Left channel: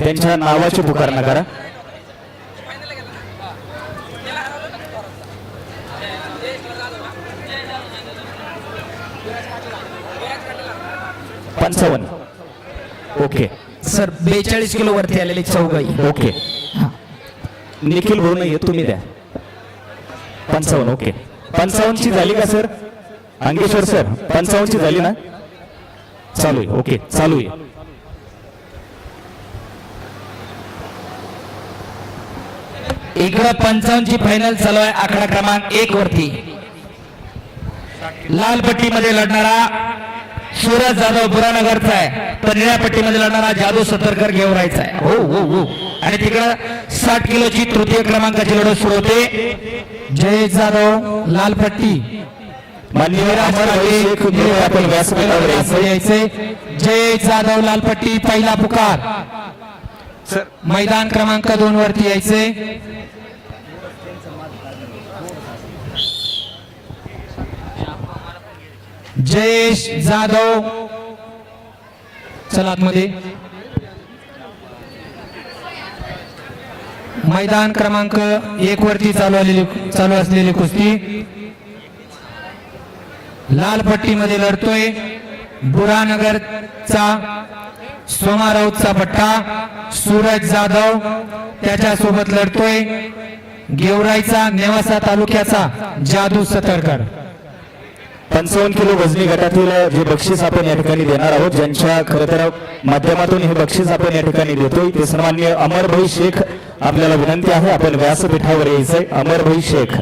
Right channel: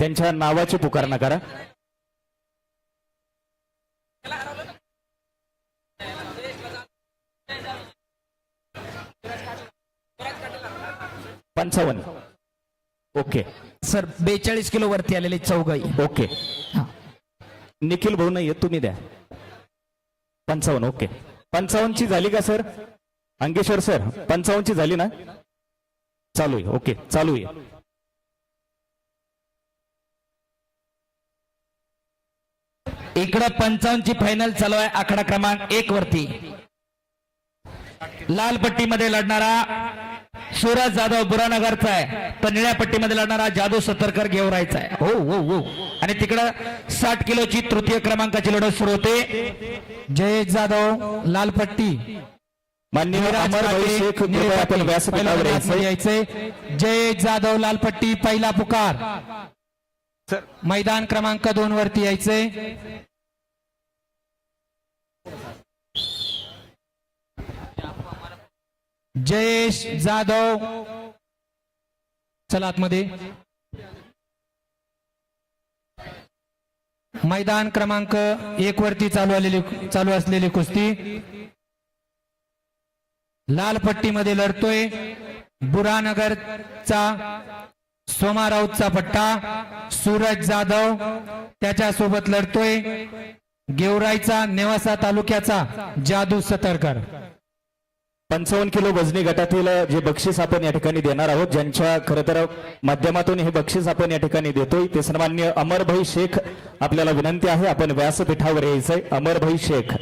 त्यांच्या नावाची पुकार नका पंचावन्न. ओके. सर बेचाळीस किलो वरती आले चौघाई. ओके. निखिल भाऊ नाही तुम्ही द्या. पंचावन्न ओके. पंचावन्नची झाली का सर? अंगेश्वर सर पंचावन्नची झाली ना? चालू आहे ओके चालू आहे. इकडं पंचावन्नची फायनल चालू आहे आकडा क्रमांक एक वरती. लाल पट्टीमध्ये लढणारा सूरज जाधव बुरानगरचा आहे तर निळ्या पट्टीमध्ये लढणारा जादू सतरकर घेऊन राहायचा आहे. हो हो हो. आणि तिकडं साठ किलोची तृतीय क्रमांकाची लढत सुरू होते. जय जाधव लाल पट्टी. जय जाधव लाल पट्टी पहिला पुकार. मैदान क्रमांक दोन वरती यायचे. जयेश जाधव. चला आतमध्ये. मैदान क्रमांक एक वरती चालू आलेली चालू असलेली कुस्ती. लाल पट्टीमध्ये लढतोय बुरानगरचा सोमा राऊतचा पट्टा सूरज जाधव त्याच्यासोबत लढतोय गेवराईचा नेवासा तालुक्याचा जादू सतरकर पंचावन्न किलो वजनी गटातील जे बक्षीस आपण या ठिकाणी देणार आहोत ज्यांच्या खरं माध्यमातून हे बक्षीस आपण या ठिकाणी देतोय ते सन्मान्य अमरभाई शेख आपल्याला विनंती आहे आपण व्यासपीठावर यायचंय. अमरभाई शेख.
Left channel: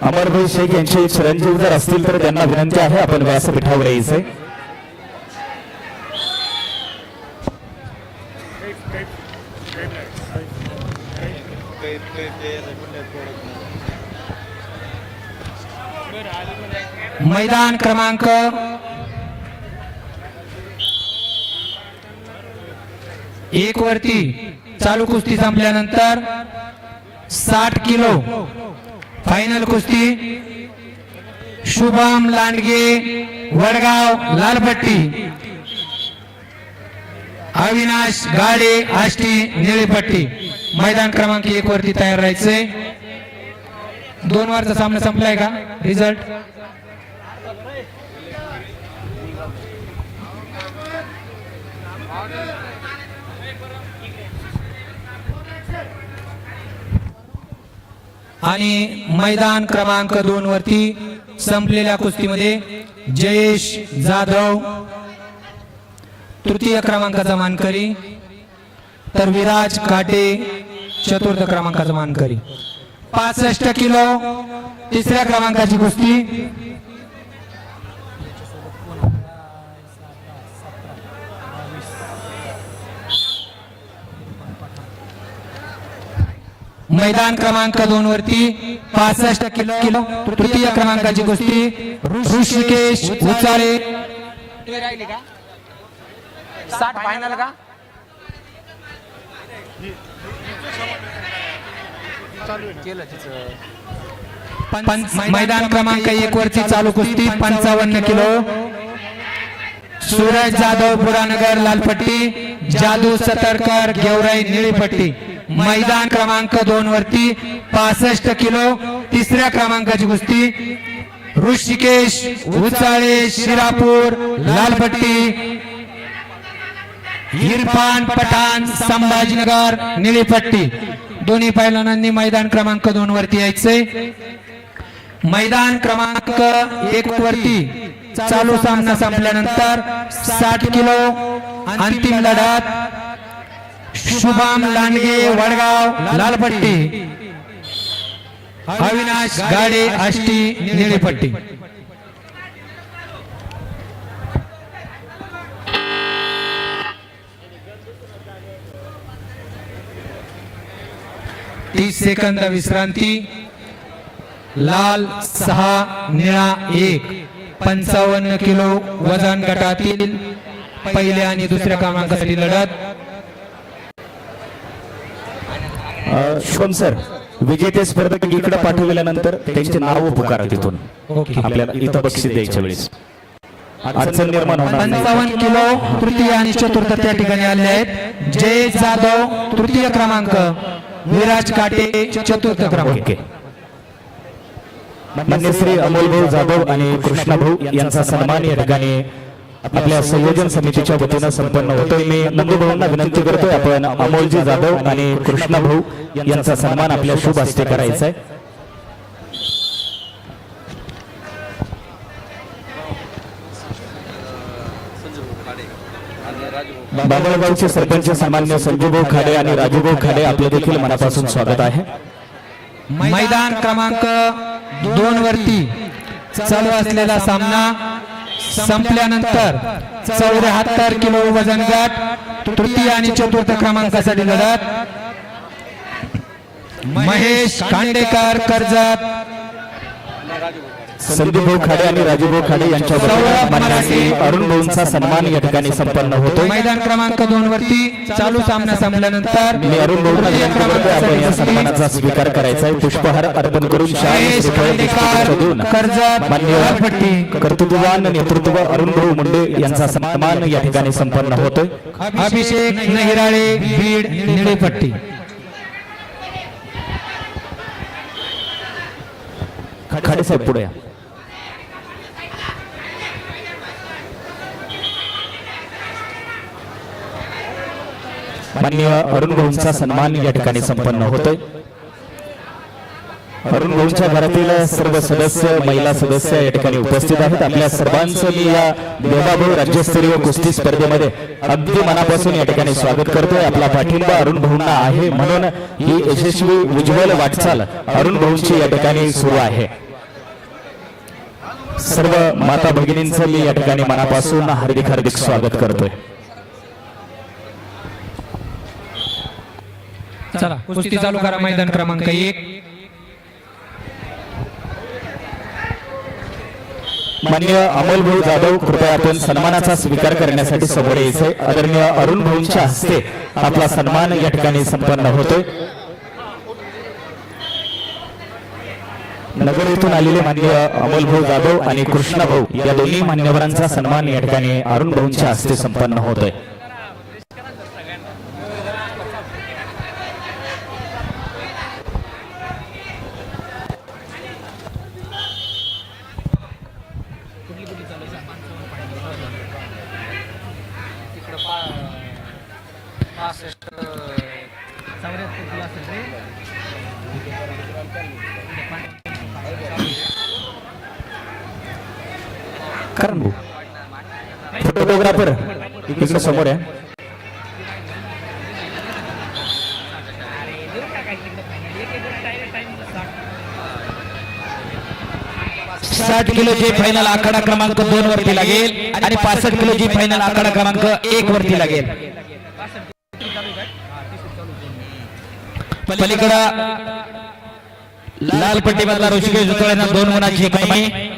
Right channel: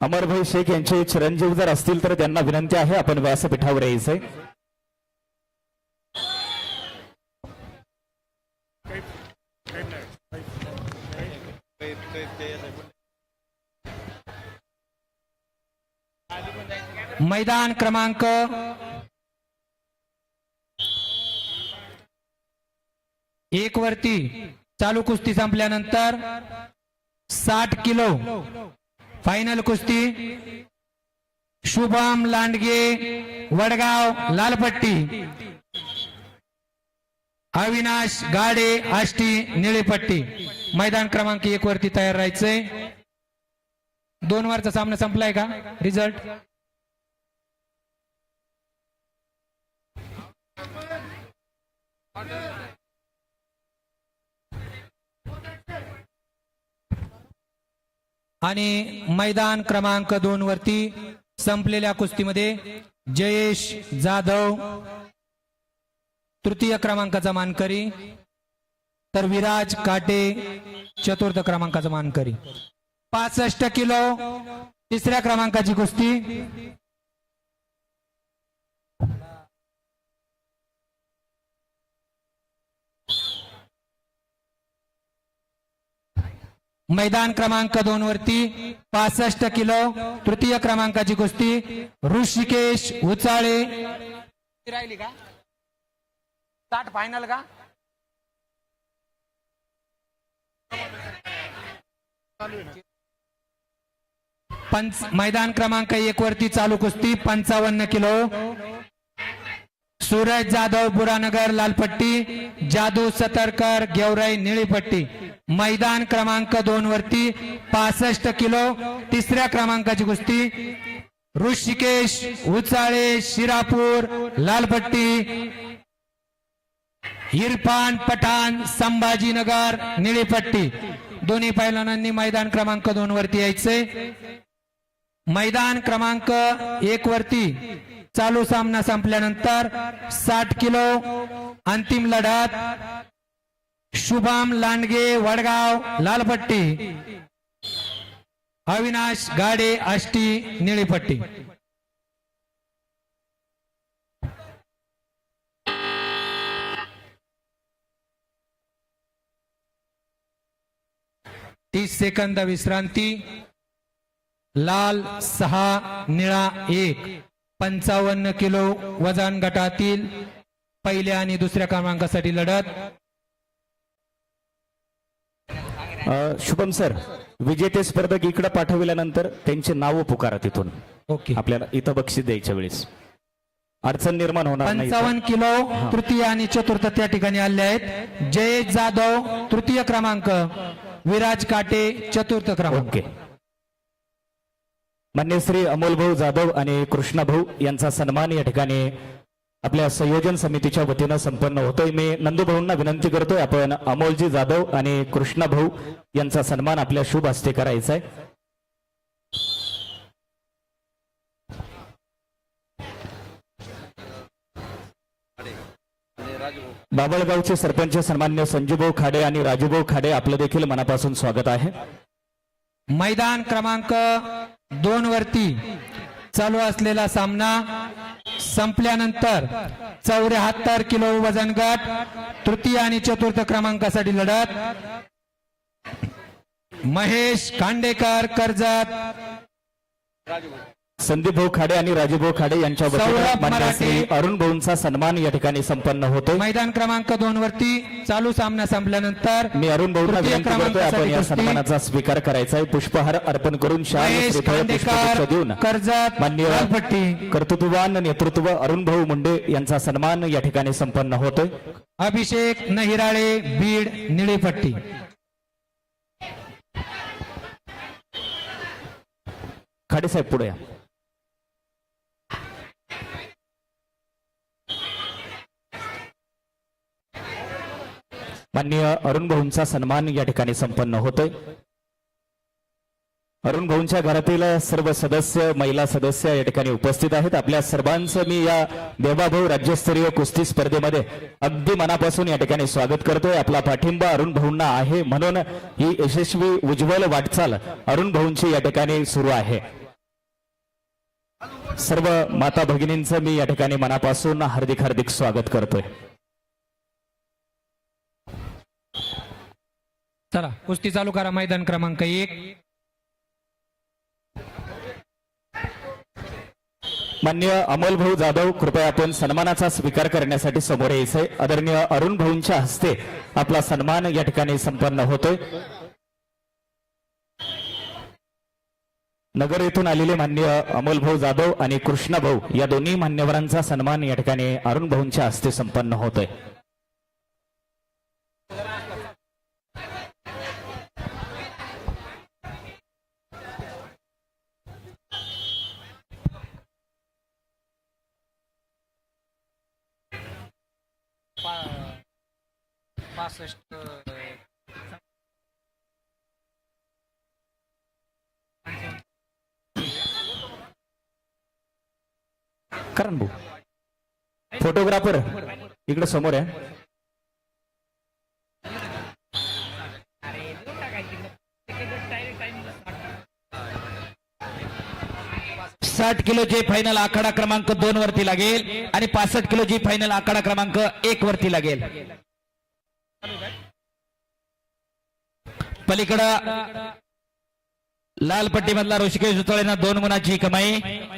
अमरभाई शेख यांचे चिरंजीव जर असतील तर त्यांना विनंती आहे आपण व्यासपीठावर यायचंय. मैदान क्रमांक एक वरती चालू कुस्ती संपल्यानंतर साठ किलो फायनल कुस्ती. शुभम लांडगे वडगाव लालपट्टी. अविनाश गाडे आष्टी निळीपट्टी. मैदान क्रमांक एक वरती तयार राहायचंय. दोन वारचा सामना संपलाय का? रिझल्ट आणि मैदान क्रमांक दोन वरती संपलेल्या कुस्तीमध्ये जयेश जाधव तृतीय क्रमांकाचा मानकरी तर विराज काटे चतुर्थ क्रमांकाचा मानकरी. पासष्ट किलो तिसऱ्या क्रमांकाची कुस्ती मैदान क्रमांक दोन वरती पासष्ट किलो तृतीय क्रमांकाची कुस्ती ऋषिकेश उचाळे मैदान क्रमांक एक वरती चालू कुस्ती पंचावन्न किलो. सूरज जाधव बुरानगर लालपट्टी जादू सतरकर गेवराई निळीपट्टी. मैदान क्रमांक दोन वरती पासष्ट किलो तिसऱ्या क्रमांकाची कुस्ती. ऋषिकेश उचाळे शिरापूर लालपट्टी हिरपान पठाण संभाजीनगर निळीपट्टी. दोन्ही पैलवानांनी मैदान क्रमांक दोन वरती यायचे. मैदान क्रमांक एक वरती चालू सामना संपल्यानंतर साठ किलो अंतिम लढ्यात शुभम लांडगे वडगाव लालपट्टी. अविनाश गाडे आष्टी निळीपट्टी. तीस सेकंद विश्रांती. लाल सहा निळा एक. पंचावन्न किलो वजन गटातील पहिल्या आणि दुसऱ्या क्रमांकासाठी लढत. शुभम सर विजेते स्पर्धक इकडे पाठवल्यानंतर त्यांचे नाव पुकारा तिथून. आपल्याला इथं बक्षीस द्यायच्या वेळेस अडचण निर्माण. पंचावन्न किलो तृतीय आणि चतुर्थ त्या ठिकाणी आले आहेत. जय जाधव तृतीय क्रमांक. विराज काटे चतुर्थ क्रमांक. मान्य श्री जाधव आणि कृष्णा भाऊ यांचा सन्मान या ठिकाणी आपल्या संयोजन समितीच्या वतीनं संपन्न होतोय मी नंदमुरुंना विनंती करतोय आपण अमोल जाधव आणि कृष्णा भाऊ यांचा सन्मान आपल्या शुभ हस्ते करायचा आहे. बाबागावचे सरपंच सन्मान्य संजूभाऊ खाडे आणि राजूभाऊ खाडे आपलं देखील मनापासून स्वागत आहे. मैदान क्रमांक दोन वरती चालू असलेला सामना संपल्यानंतर चौऱ्याहत्तर किलो वजन गट तृतीय आणि चौथ्या क्रमांकासाठी लढत. महेश खांडेकर कर्जत. संदीप खाडे आणि राजूभाऊ खाडे यांच्या सन्मानाने अरुण भाऊंचा सन्मान या ठिकाणी संपन्न होतोय मैदान क्रमांक दोन वरती चालू सामना संपल्यानंतर मी अरुण भाऊंना विनंती करतोय आपण या सन्मानाचा स्वीकार करायचा आहे. पुष्पहार अर्पण करून शाळेचे खांडेकर देऊन कर्जत मान्यवर कर्तृत्ववान नेतृत्व अरुण भाऊ मुंडे यांचा सन्मान या ठिकाणी संपन्न होतोय अभिषेक नहिराळे बीड निळी पट्टी खाडे साहेब पुढे. या. माननीय अरुण गुरुंचा सन्मान या ठिकाणी संपन्न होतोय. अरुण गुरुंच्या घरातील सर्व सदस्य महिला सदस्य या ठिकाणी उपस्थित आहेत आपल्या सर्वांचं मी या देवाभाऊ राज्यस्तरीय कुस्ती स्पर्धेमध्ये अगदी मनापासून या ठिकाणी स्वागत करतोय. आपला पाठिंबा अरुण गुरुंना आहे म्हणून ही यशस्वी उज्ज्वल वाटचाल अरुण गुरुंची या ठिकाणी सुरू आहे. सर्व माता भगिनींचं मी या ठिकाणी मनापासून हार्दिक हार्दिक स्वागत करतोय. चला कुस्ती चालू करा मैदान क्रमांक एक. माननीय अमोल भाऊ जाधव कृपया आपण सन्मानाचा स्वीकार करण्यासाठी समोर यायचे आदरणीय अरुण भाऊंच्या हस्ते आपला सन्मान या ठिकाणी संपन्न होतोय. नगर येथून आलेले माननीय अमोल भाऊ जाधव आणि कृष्णा भाऊ या दोन्ही मान्यवरांचा सन्मान या ठिकाणी अरुण भाऊंच्या हस्ते संपन्न होतोय. करण भाऊ फोटोग्राफर इकडे समोर आहे साठ किलोची फायनल आकडा क्रमांक दोन वरती लागेल आणि पासष्ट किलोची फायनल आकडा क्रमांक एक वरती लागेल पलीकडे लाल पट्टी दोन रनाची कमाई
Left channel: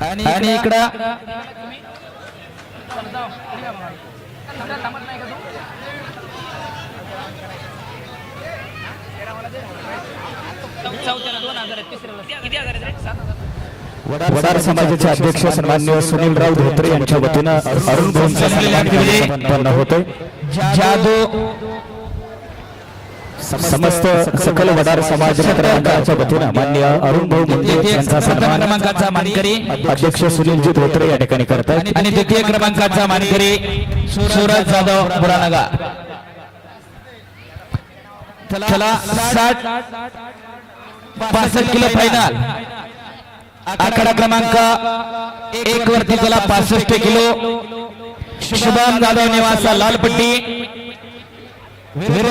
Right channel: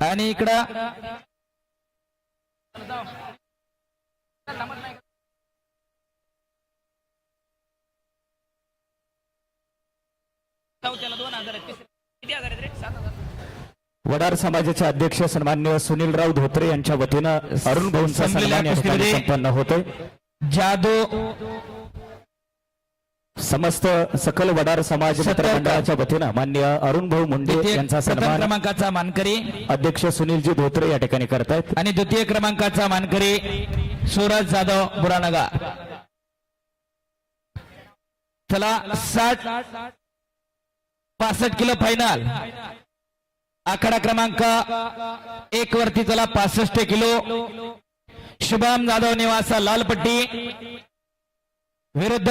आणि इकडे इकडे वडार सारा समाजाचे अध्यक्ष सन्माननीय सुनील राऊत यांच्या वतीनं अरुण अरुण संपन्न होतोय जादू समस्त सकल वडार यांचा अध्यक्ष सुनील धोत्रे करतात आणि द्वितीय क्रमांकाचा मानकरी सूरज जाधव बुरादा चला साठ पासष्ट किलो फायनल आकडा क्रमांक एक वर त्याला पासष्ट किलो. शुभम दादा निवासा लालपट्टी. विरुद्ध